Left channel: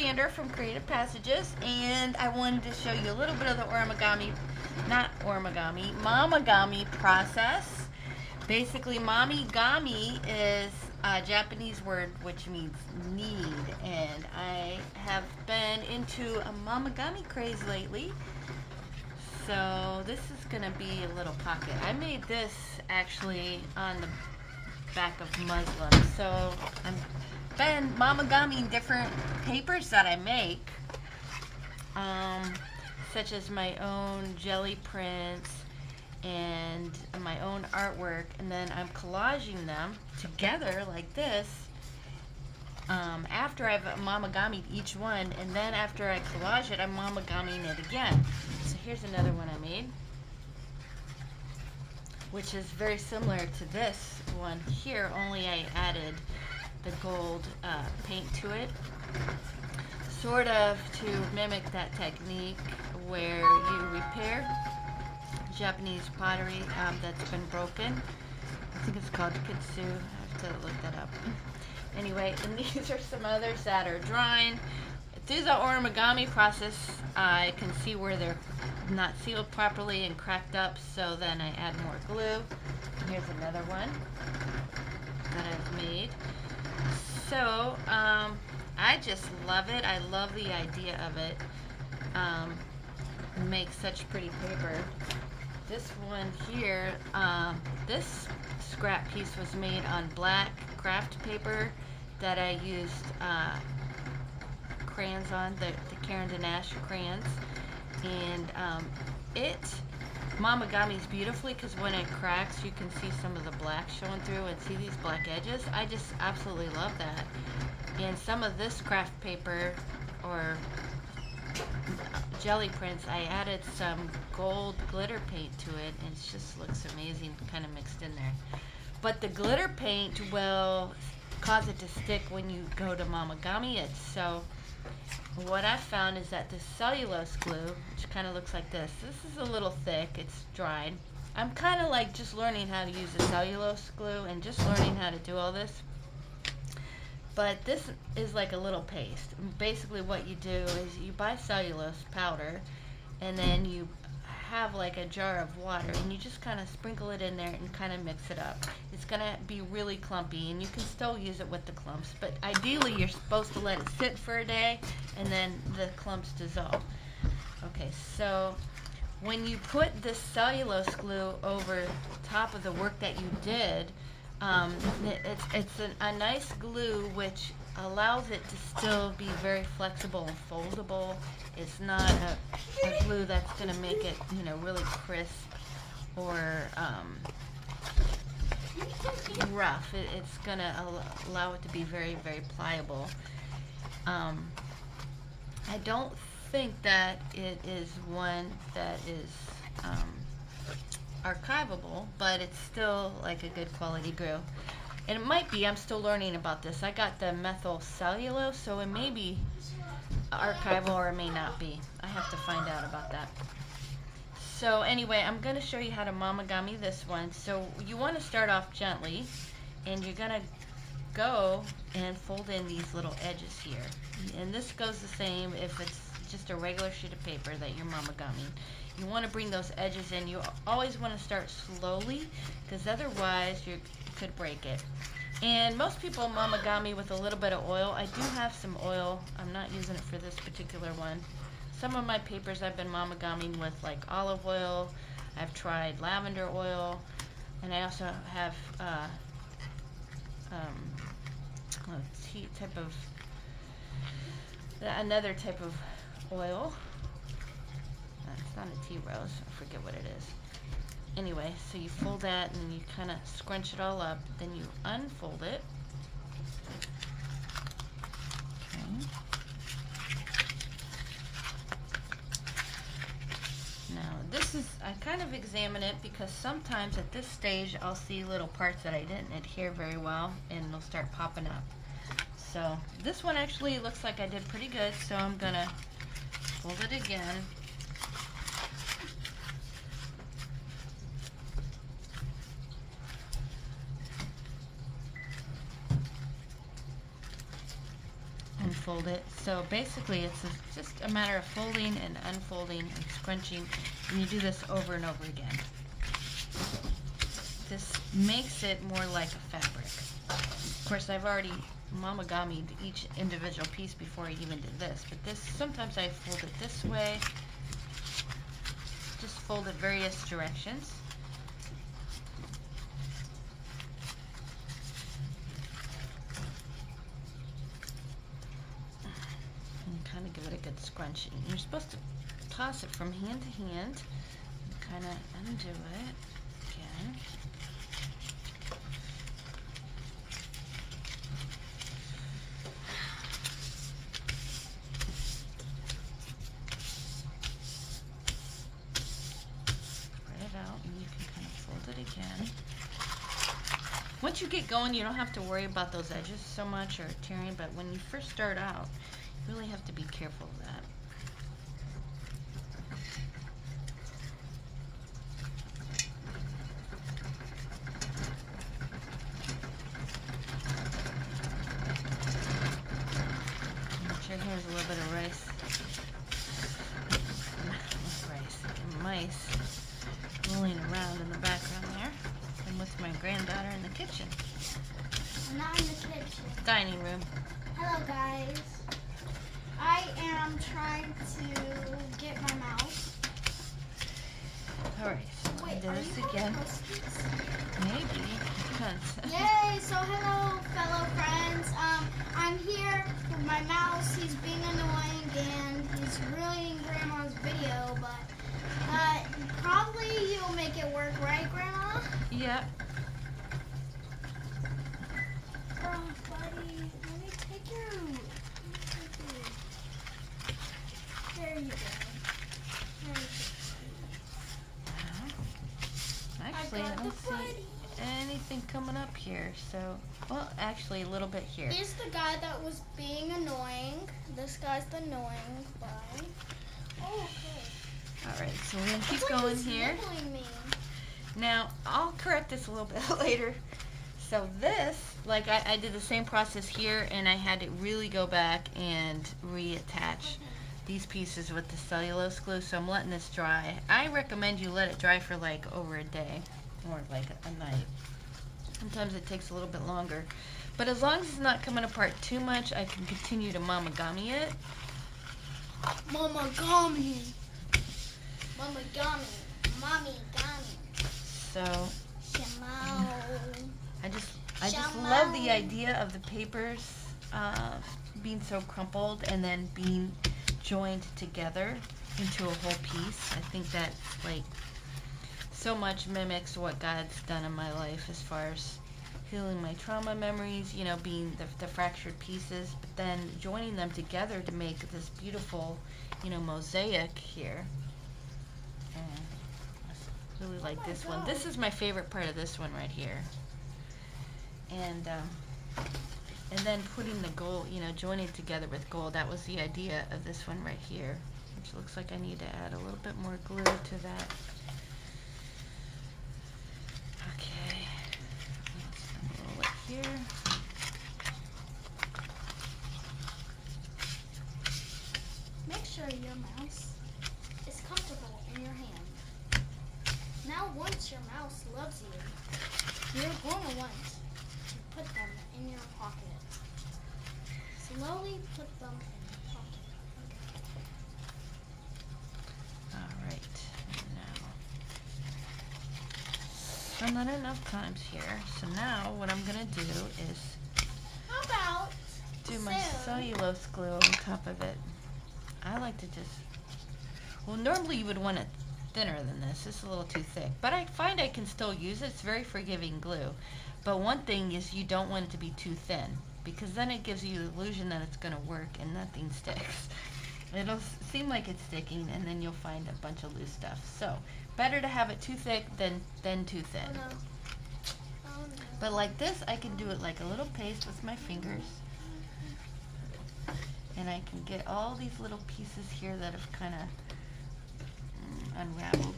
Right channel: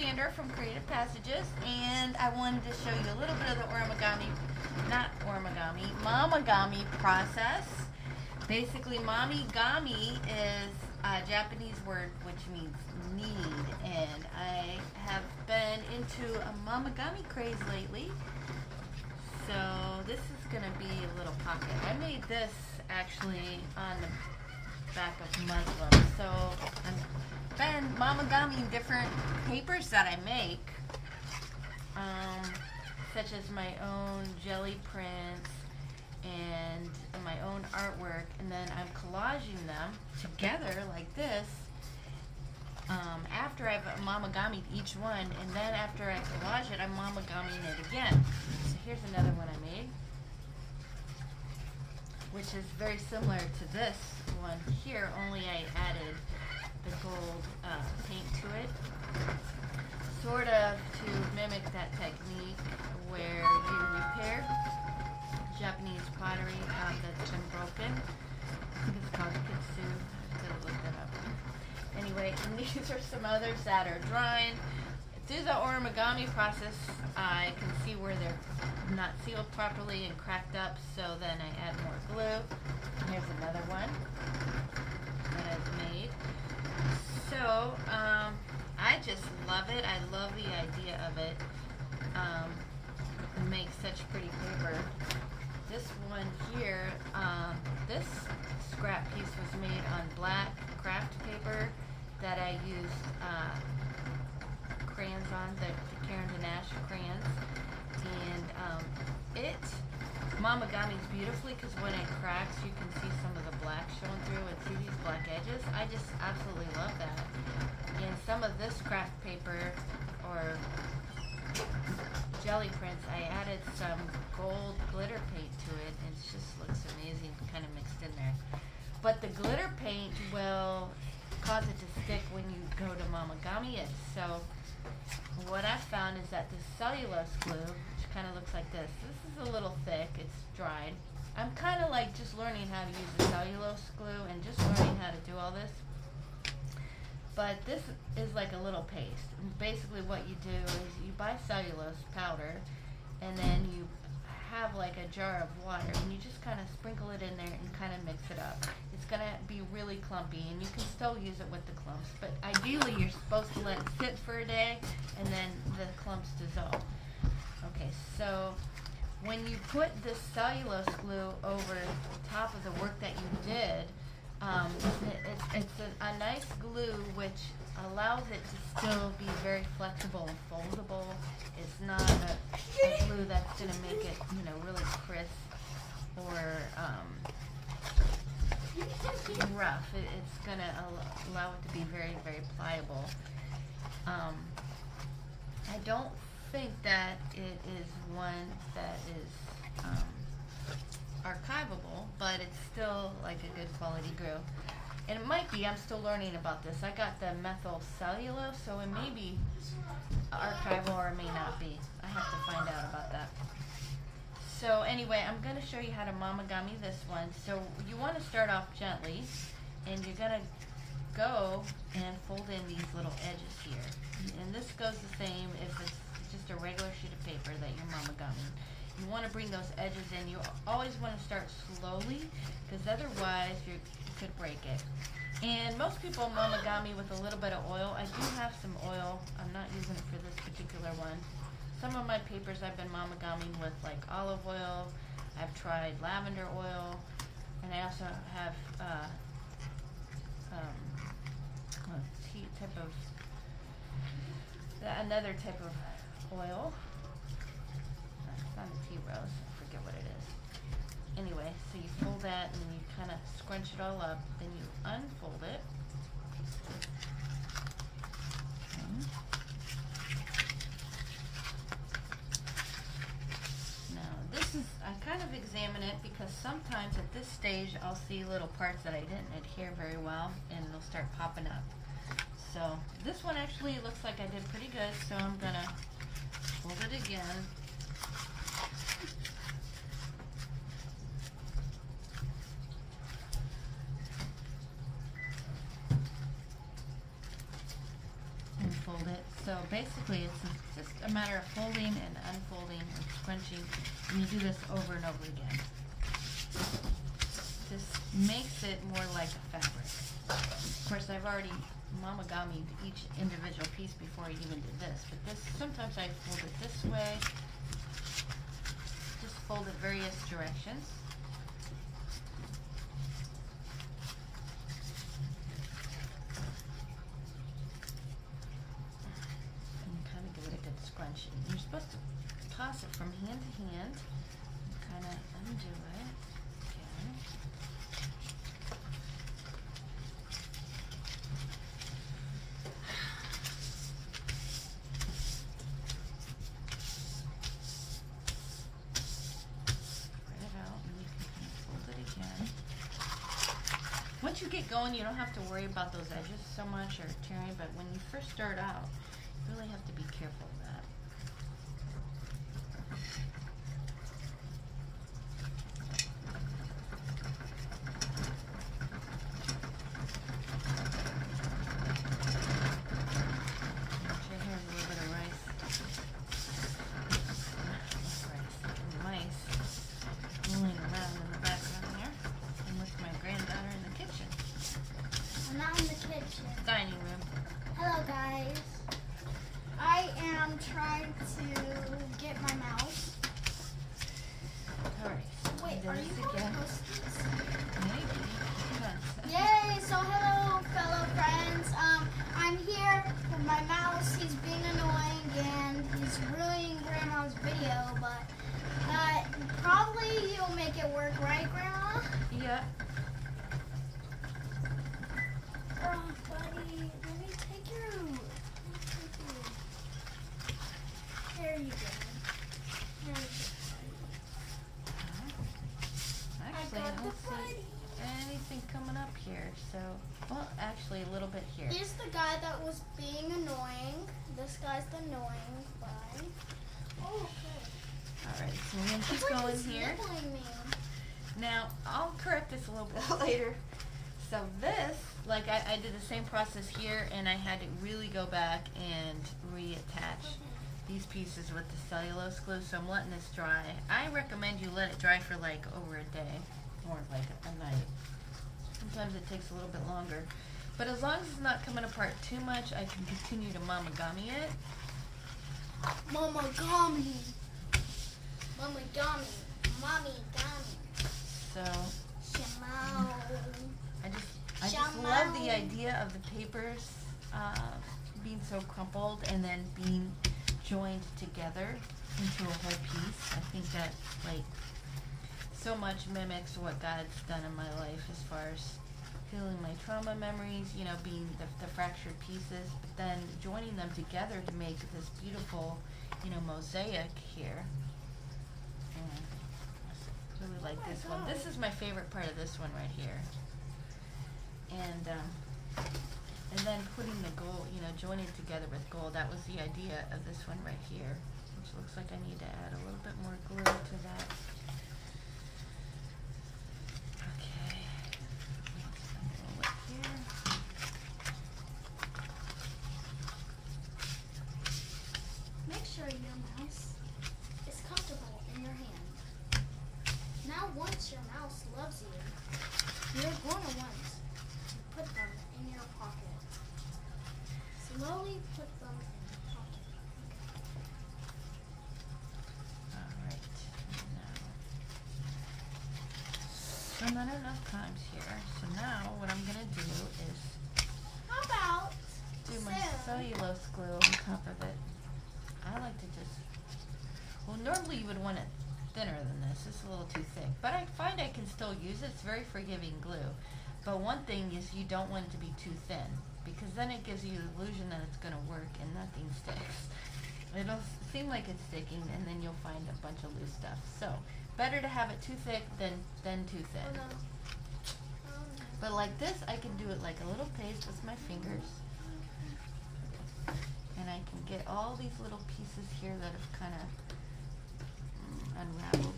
Sandra from Creative Passages, and I wanted to show you a little bit of the momigami process. Basically, momigami is a Japanese word which means need, and I have been into a momigami craze lately. So this is going to be a little pocket. I made this actually on the back of muslin. So I've been momigamiing different papers that I make, such as my own jelly prints and my own artwork, and then I'm collaging them together like this after I've momigamied each one, and then after I collage it, I'm momigamiing it again. So here's another one I made, which is very similar to this one here, only I added the gold paint to it, sort of to mimic that technique where you repair Japanese pottery that's been broken. I think it's called kitsu. I have to look that up. Anyway, and these are some others that are drying. Through the origami process, I can see where they're not sealed properly and cracked up, so then I add more glue. And here's another one that I've made. So, I just love it. I love the idea of it. It makes such pretty paper. This one here, this scrap piece was made on black craft paper that I used crayons on, the Karen Danash crayons, and it momigamis beautifully because when it cracks you can see some of the black showing through and see these black edges. I just absolutely love that. And some of this craft paper or jelly prints, I added some gold glitter paint to it, and it just looks amazing kind of mixed in there. But the glitter paint will cause it to stick when you go to momigami it. So what I found is that this cellulose glue, which kind of looks like this is a little thick, it's dried. I'm kind of like just learning how to use the cellulose glue and just learning how to do all this. But this is like a little paste. And basically what you do is you buy cellulose powder, and then you have like a jar of water, and you just kind of sprinkle it in there and kind of mix it up. It's going to be really clumpy, and you can still use it with the clumps, but ideally you're supposed to let it sit for a day and then the clumps dissolve. Okay, so when you put this cellulose glue over top of the work that you did, it's a nice glue which allows it to still be very flexible and foldable. It's not a glue that's going to make it, really crisp or rough. It's going to allow it to be very, very pliable. I don't think that it is one that is archivable, but it's still like a good quality glue. And it might be, I'm still learning about this. I got the methyl cellulose, so it may be archival or it may not be. I have to find out about that. So anyway, I'm going to show you how to momigami this one. So you want to start off gently, and you're going to go and fold in these little edges here. And this goes the same if it's just a regular sheet of paper that you're momigamiing. You want to bring those edges in. You always want to start slowly, because otherwise you could break it. And most people momigami with a little bit of oil. I do have some oil. I'm not using it for this particular one. Some of my papers I've been momigamiing with like olive oil. I've tried lavender oil, and I also have another type of oil. It's not a tea rose, I forget what it is. Anyway, so you fold that and you kind of scrunch it all up, then you unfold it. Okay. Now this is, I kind of examine it because sometimes at this stage I'll see little parts that I didn't adhere very well, and they'll start popping up. So this one actually looks like I did pretty good, so I'm gonna fold it again. unfold it. So basically it's just a matter of folding and unfolding and scrunching, and you do this over and over again. This makes it more like a fabric. Of course, I've already momigamied each individual piece before I even did this, but this, sometimes I fold it this way, just fold it various directions. And kind of give it a good scrunching. You're supposed to toss it from hand to hand and kind of undo it again. Once you get going, you don't have to worry about those edges so much or tearing, but when you first start out, you really have to be careful of that. Make sure here's a little bit of rice. Mice rolling around in the background there. I'm with my granddaughter in the kitchen. I'm not in the kitchen. Dining room. Hello guys. I am trying to get my mouse. Alright, so Wait, do are this you again. Maybe. Depends. Yay! So hello fellow friends. I'm here with my mouse. He's being annoying and he's ruining Grandma's video, but probably you'll make it work, right, Grandma? Yeah. Oh, buddy, let me take you. There you go. There we go. Actually, I don't see anything coming up here. So, well, actually, a little bit here. Here's the guy that was being annoying. This guy's the annoying guy. Oh, okay. Alright, so we're going to keep going here. Me. Now, I'll correct this a little bit later. So this, like I did the same process here, and I had to really go back and reattach these pieces with the cellulose glue, so I'm letting this dry. I recommend you let it dry for like over a day, or like a night. Sometimes it takes a little bit longer. But as long as it's not coming apart too much, I can continue to momigami it. Momigami. Momigami. Momigami. So Shamao. I just love the idea of the papers being so crumpled and then being joined together into a whole piece. I think that like so much mimics what God's done in my life as far as healing my trauma memories, you know, being the fractured pieces, but then joining them together to make this beautiful, you know, mosaic here. I really like this one. This is my favorite part of this one right here. And then putting the gold, you know, joining it together with gold. That was the idea of this one right here, which looks like I need to add a little bit more glue to that. Okay, a little bit here. Make sure your mouse is comfortable in your hand. Now, once your mouse loves you, you're going to want to put them in your pocket. Slowly put them in the pocket. Alright, now done that enough times here. So now what I'm gonna do is How about do my cellulose glue on top of it. I like to just, well, normally you would want it thinner than this. This is a little too thick, but I find I can still use it. It's very forgiving glue. But one thing is you don't want it to be too thin, because then it gives you the illusion that it's going to work and nothing sticks. It'll seem like it's sticking, and then you'll find a bunch of loose stuff. So better to have it too thick than too thin. But like this, I can do it like a little paste with my fingers. And I can get all these little pieces here that have kind of unraveled.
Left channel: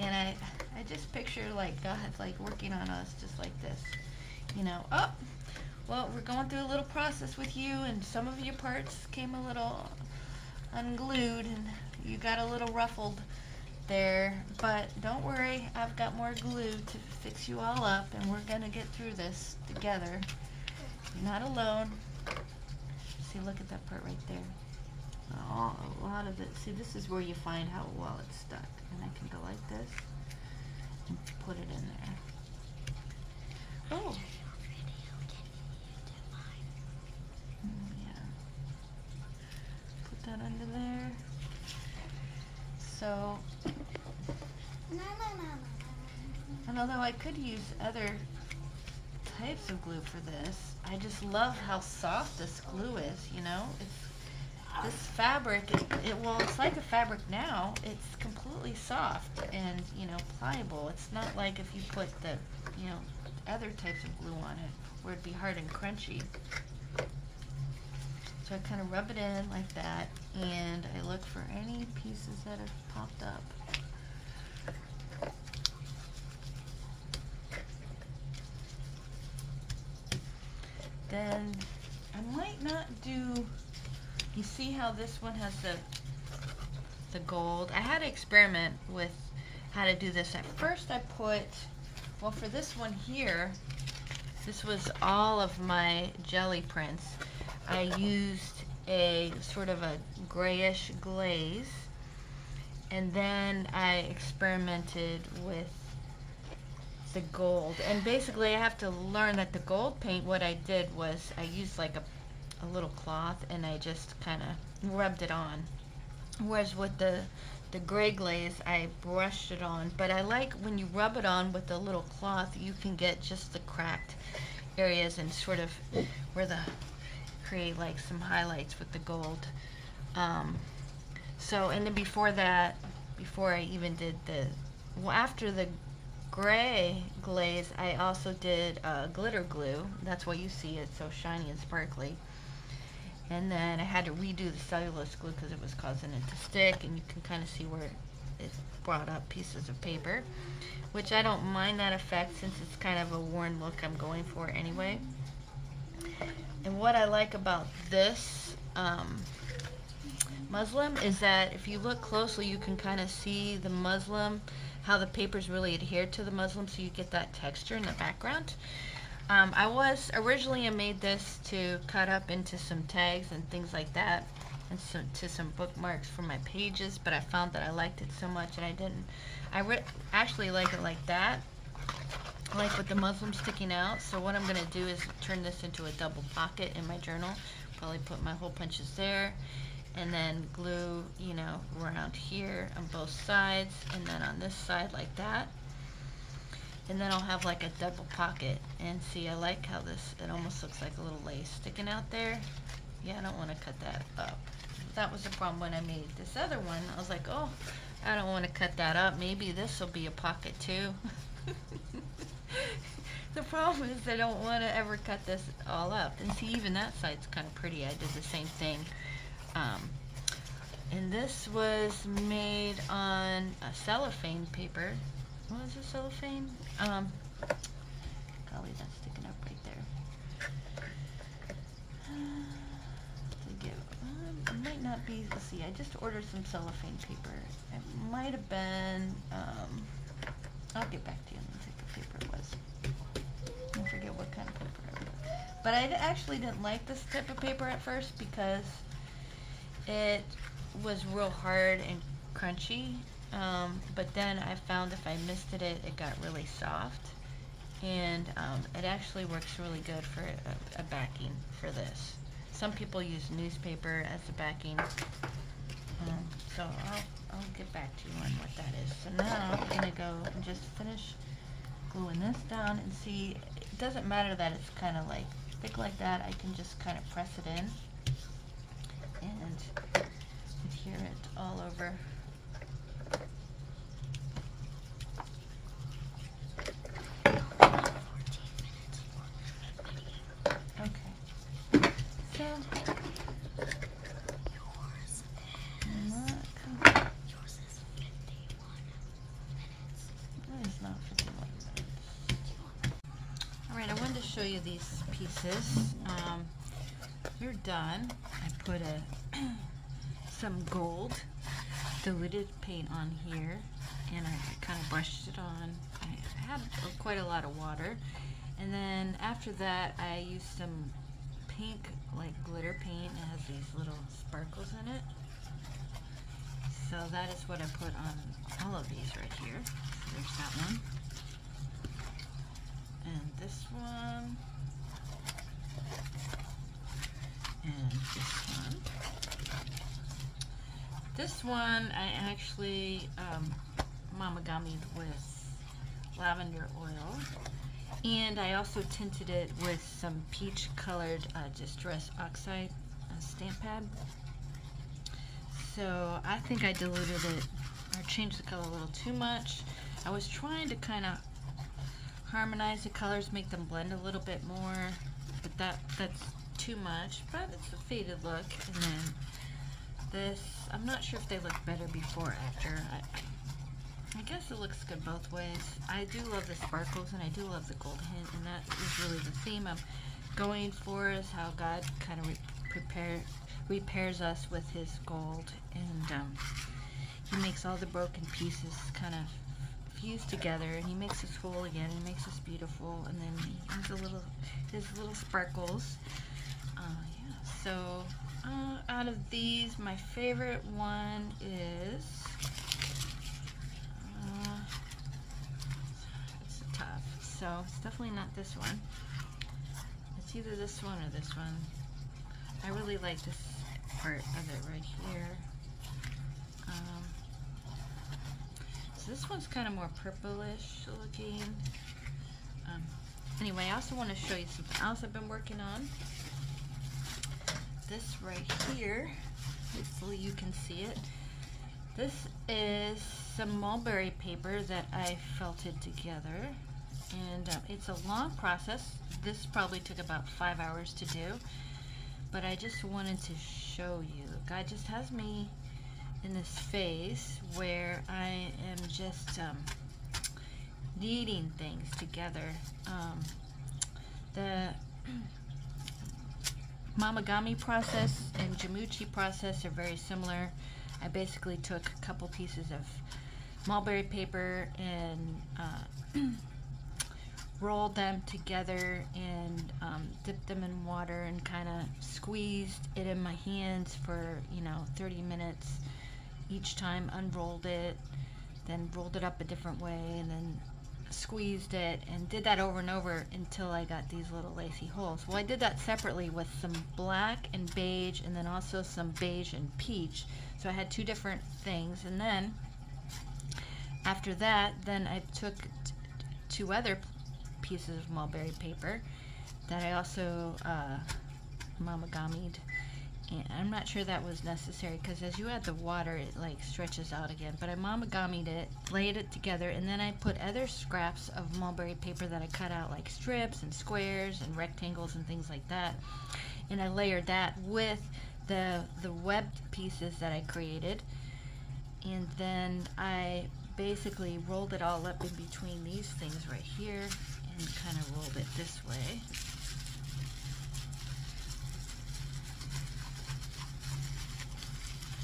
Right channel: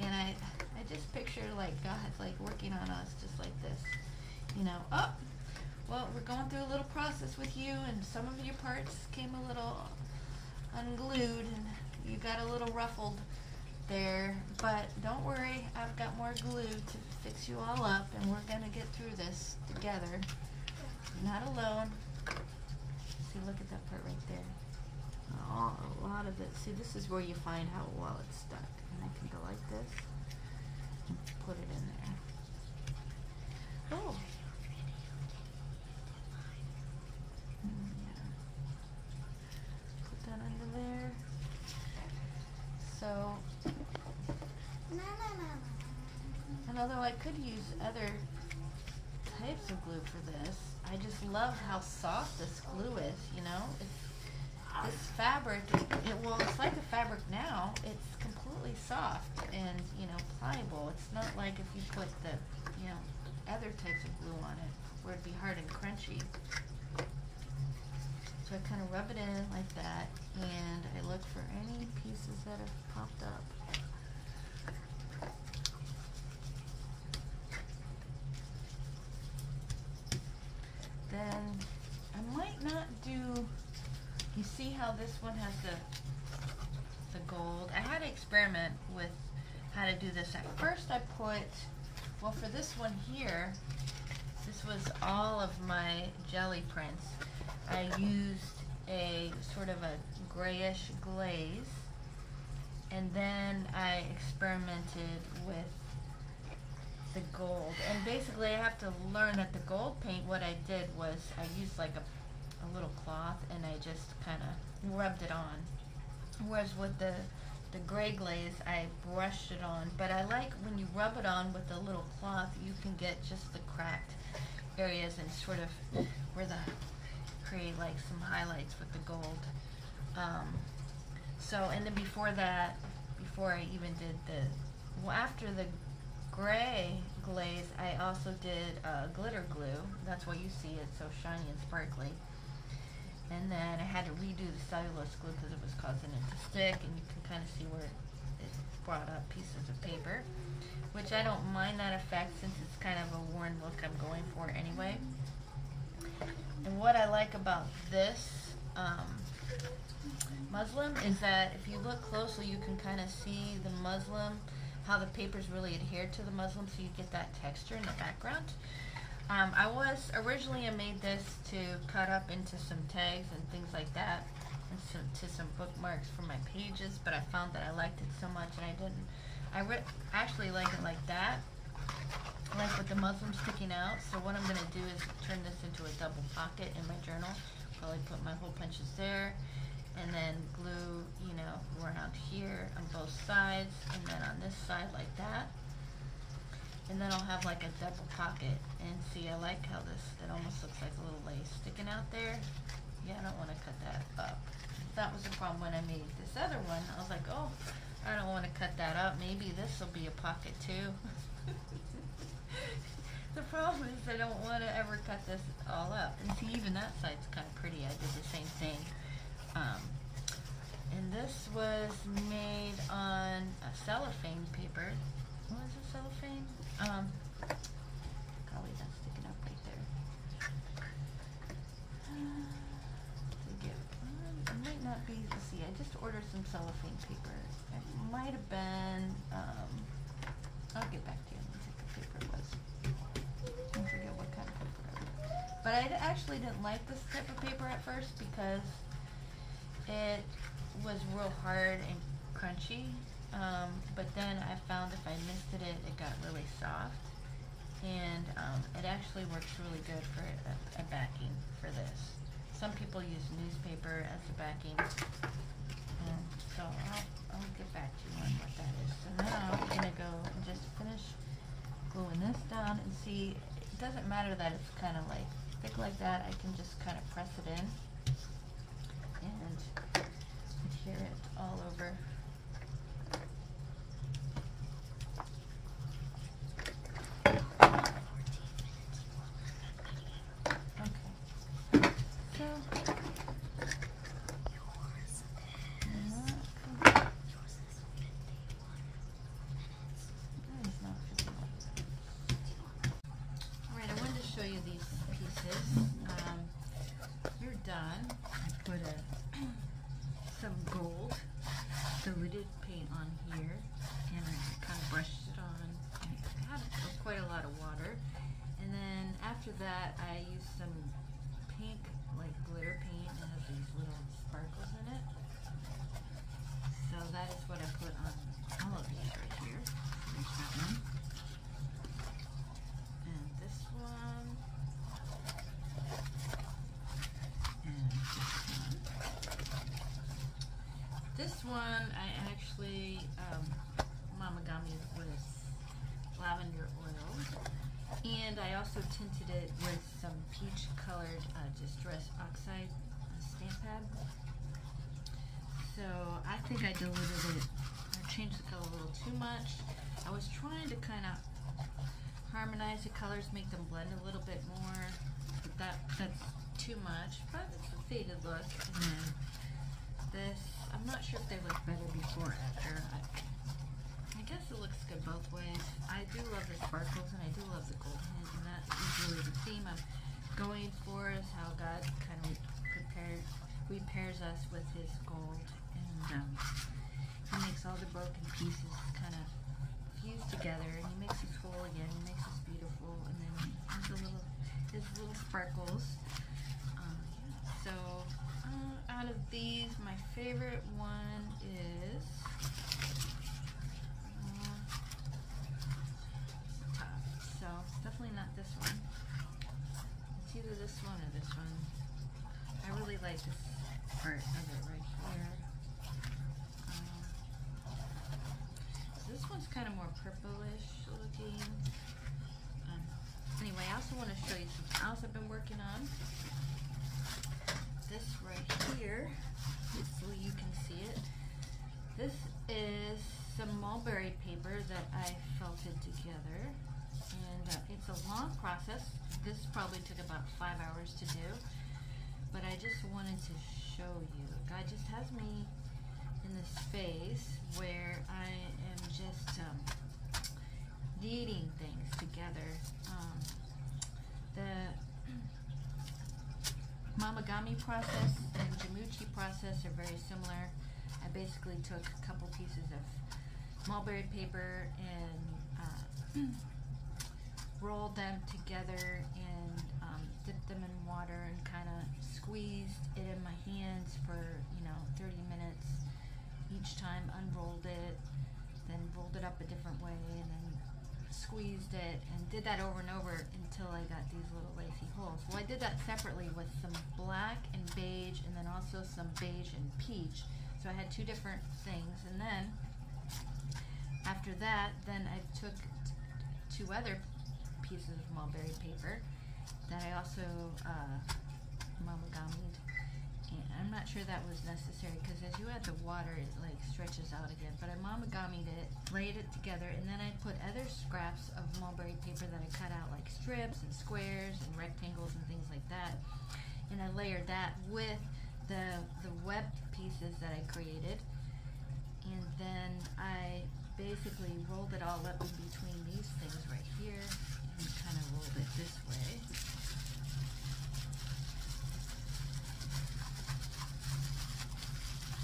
And I just picture like God like working on us just like this. You know, oh, well, we're going through a little process. process with you and some of your parts came a little unglued and you got a little ruffled there, but don't worry, I've got more glue to fix you all up and we're gonna get through this together. You're not alone. See, look at that part right there. A lot of it, see, this is where you find how well it's stuck. And I can go like this and put it in there. Oh. Yeah. Put that under there. So, and although I could use other types of glue for this, I just love how soft this glue is, you know? This fabric, well, it's like a fabric now. It's completely soft and, you know, pliable. It's not like if you put the, you know, other types of glue on it where it'd be hard and crunchy. So I kind of rub it in like that, and I look for any pieces that have popped up. Then I might not do, you see how this one has the gold? I had to experiment with how to do this. At first I put, well, for this one here, this was all of my jelly prints. I used a sort of a grayish glaze, and then I experimented with the gold. And basically I have to learn that the gold paint, what I did was I used like a little cloth and I just kind of rubbed it on. Whereas with the gray glaze, I brushed it on. But I like when you rub it on with the little cloth, you can get just the cracked areas and sort of where the create like some highlights with the gold. So, and then before that, before I even did after the gray glaze, I also did glitter glue. That's why you see it so shiny and sparkly. And then I had to redo the cellulose glue because it was causing it to stick, and you can kind of see where it brought up pieces of paper, which I don't mind that effect since it's kind of a worn look I'm going for anyway. And what I like about this muslin is that if you look closely, you can kind of see the muslin, how the paper's really adhered to the muslin, so you get that texture in the background. I made this to cut up into some tags and things like that, and to some bookmarks for my pages, but I found that I liked it so much and I actually like it like that, like with the muslin sticking out. So what I'm going to do is turn this into a double pocket in my journal. Probably put my hole punches there, and then glue, you know, around here on both sides, and then on this side like that. And then I'll have like a double pocket. And see, I like how it almost looks like a little lace sticking out there. Yeah, I don't want to cut that up. That was the problem when I made this other one. I was like, oh, I don't want to cut that up. Maybe this will be a pocket too. The problem is I don't want to ever cut this all up. And see, even that side's kind of pretty. I did the same thing. And this was made on a cellophane paper. What is it, cellophane? Golly, that's sticking up right there. It might not be, let's see, I just ordered some cellophane paper. It might have been, I'll get back to you. Let me see what paper it was. I forget what kind of paper it was. But I actually didn't like this type of paper at first because it was real hard and crunchy. But then I found if I misted it, it got really soft, and it actually works really good for a backing for this. Some people use newspaper as a backing, so I'll get back to you on what that is. So now I'm going to go and just finish gluing this down, and see, it doesn't matter that it's kind of like thick like that. I can just kind of press it in and adhere it all over. Show you these pieces. done, I put some gold diluted paint on here, and I kind of brushed it on. I had quite a lot of water, and then after that I used some pink like glitter paint. It has these little sparkles in it. So that is what I put on all of these right here. So there's that one. And this one. And this one. This one I actually Momigami with lavender oil. And I also tinted it with some peach colored Distress Oxide stamp pad. So I think I diluted it or changed the color a little too much. I was trying to kind of harmonize the colors, make them blend a little bit more, but that's too much. But it's a faded look. And then this, I'm not sure if they look better before or after. I guess it looks good both ways. I do love the sparkles and I do love the gold hint, and that is really the theme I'm going for, is how God kind of repairs us with his gold, and he makes all the broken pieces kind of fuse together, and he makes us whole again. He makes us beautiful, and then he has his little sparkles. Yeah. So out of these, my favorite one is it's tough. So it's definitely not this one. It's either this one or this one. I really like this part of it right here. So this one's kind of more purplish looking. Anyway, I also want to show you something else I've been working on. This right here, hopefully you can see it. This is some mulberry paper that I felted together, and it's a long process. This probably took about 5 hours to do. But I just wanted to show you. God just has me in this phase where I am just kneading things together. The Momigami process and Joomchi process are very similar. I basically took a couple pieces of mulberry paper and rolled them together and dipped them in water and kind of squeezed it in my hands for 30 minutes each time, unrolled it, then rolled it up a different way, and then squeezed it, and did that over and over until I got these little lacy holes. Well, I did that separately with some black and beige, and then also some beige and peach. So I had two different things, and then after that, then I took two other pieces of mulberry paper that I also momigamied, and I'm not sure that was necessary because as you add the water it like stretches out again, but I momigamied it, laid it together, and then I put other scraps of mulberry paper that I cut out like strips and squares and rectangles and things like that, and I layered that with the webbed pieces that I created, and then I basically rolled it all up in between these things right here and kind of rolled it this way.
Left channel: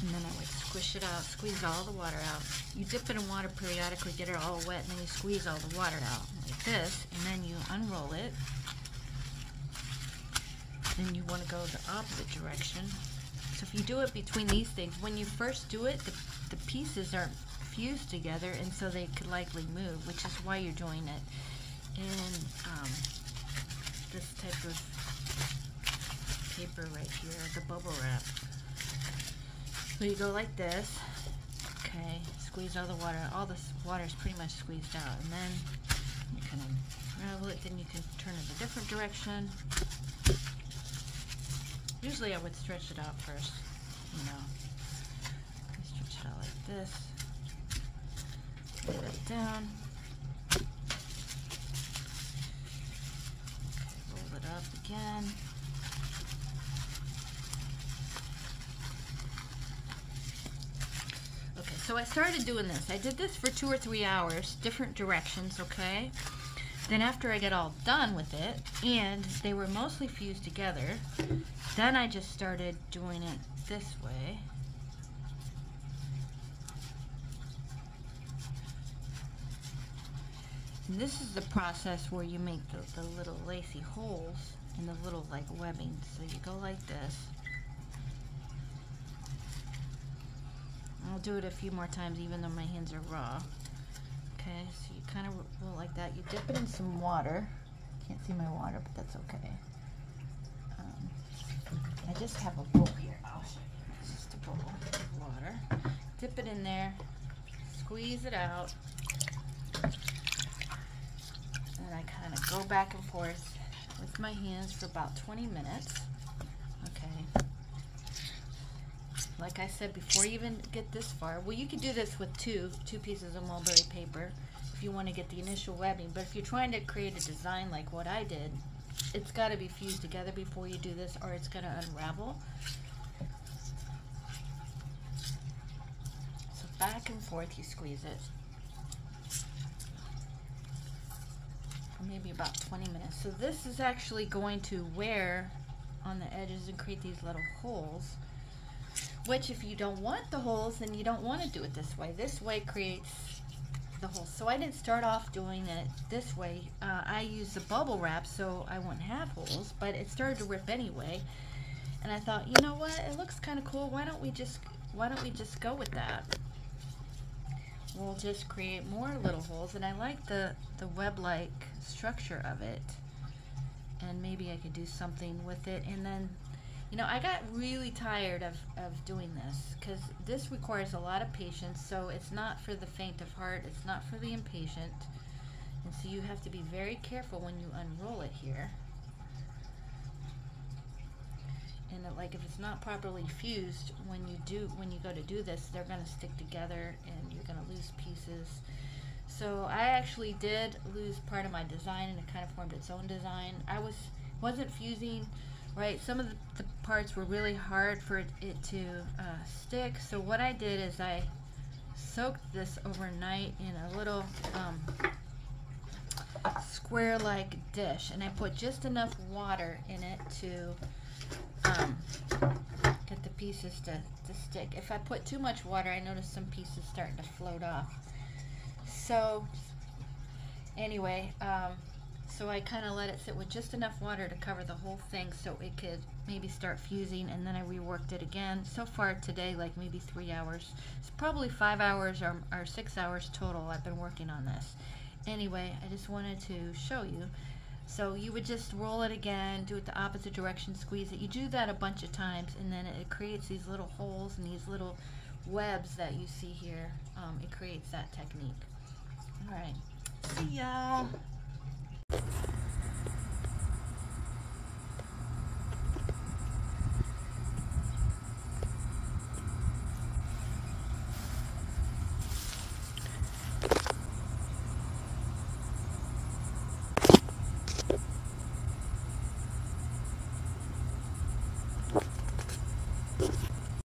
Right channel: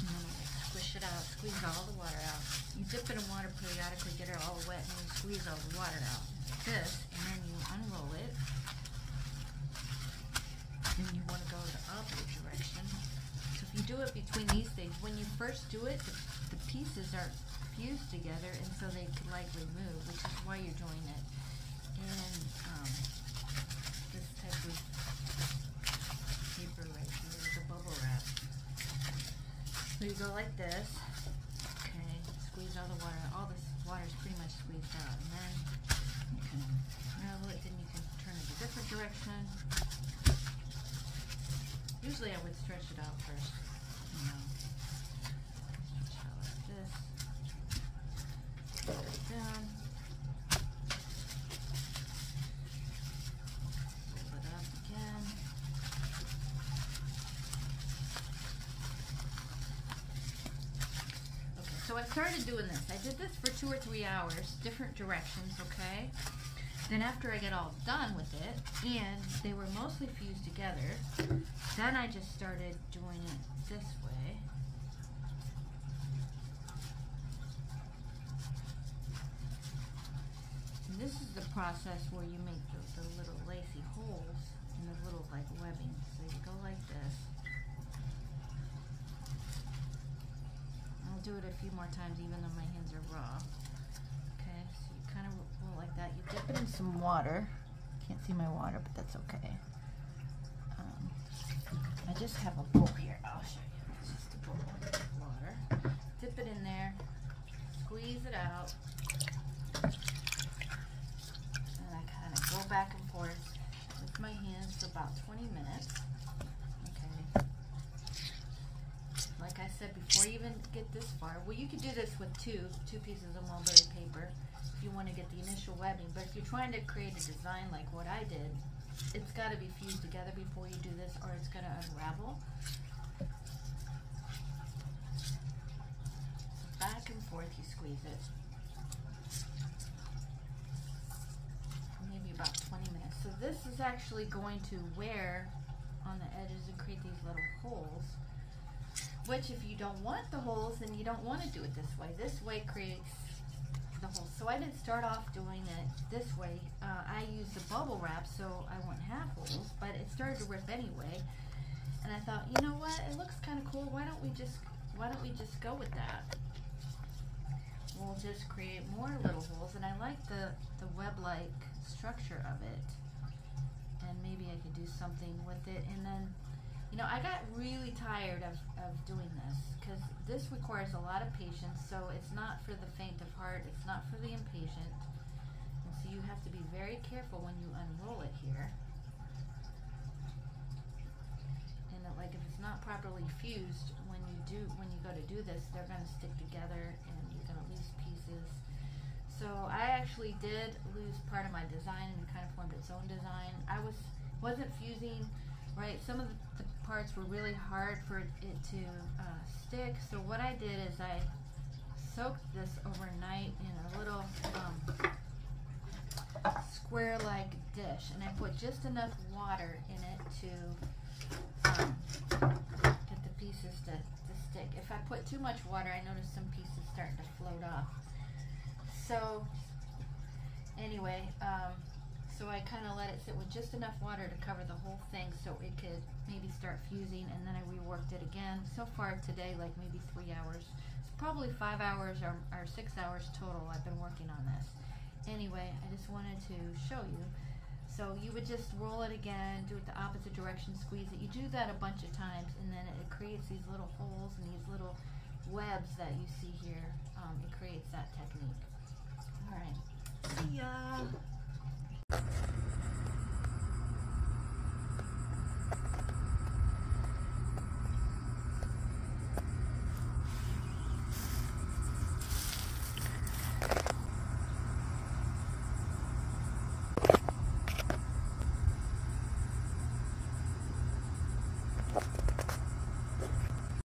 And then I would squish it out, squeeze all the water out. You dip it in water periodically, get it all wet, and then you squeeze all the water out like this, and then you unroll it. Then you want to go the opposite direction. So if you do it between these things, when you first do it, the pieces aren't fused together, and so they could likely move, which is why you're doing it in this type of paper right here, the bubble wrap. So you go like this, okay, squeeze all the water, all this water is pretty much squeezed out, and then you kind of unravel it, then you can turn it a different direction. Usually I would stretch it out first, stretch it out like this, put it down, roll it up again. Okay, so I started doing this. I did this for 2 or 3 hours, different directions, okay? Then after I get all done with it, and they were mostly fused together, then I just started doing it this way. And this is the process where you make the little lacy holes and the little like webbing. So you go like this. I'll do it a few more times even though my hands are raw. Okay, so you kind of roll like that. You dip it in some water. Can't see my water, but that's okay. I just have a bowl here. I'll show you. This is the bowl of water. Dip it in there. Squeeze it out. And I kind of go back and forth with my hands for about 20 minutes. Okay. Like I said, before you even get this far, well, you could do this with two pieces of mulberry paper if you want to get the initial webbing. But if you're trying to create a design like what I did, it's got to be fused together before you do this, or it's going to unravel. So back and forth, you squeeze it. For maybe about 20 minutes. So this is actually going to wear on the edges and create these little holes. Which, if you don't want the holes, then you don't want to do it this way. This way creates the holes. So I didn't start off doing it this way. I used the bubble wrap so I wouldn't have holes, but it started to rip anyway. And I thought, you know what? It looks kind of cool. Why don't we just go with that? We'll just create more little holes, and I like the web-like structure of it. And maybe I could do something with it, and then. You know, I got really tired of doing this because this requires a lot of patience, so it's not for the faint of heart, it's not for the impatient, and so you have to be very careful when you unroll it here. And like if it's not properly fused, when you go to do this, they're going to stick together and you're going to lose pieces. So I actually did lose part of my design, and it kind of formed its own design. I wasn't fusing. Right, some of the parts were really hard for it to stick. So what I did is I soaked this overnight in a little square-like dish, and I put just enough water in it to get the pieces to stick. If I put too much water, I noticed some pieces starting to float off. So anyway, so I kind of let it sit with just enough water to cover the whole thing so it could maybe start fusing, and then I reworked it again. So far today, like maybe 3 hours. It's probably 5 hours or 6 hours total I've been working on this. Anyway, I just wanted to show you. So you would just roll it again, do it the opposite direction, squeeze it. You do that a bunch of times, and then it creates these little holes and these little webs that you see here. It creates that technique. All right. See ya.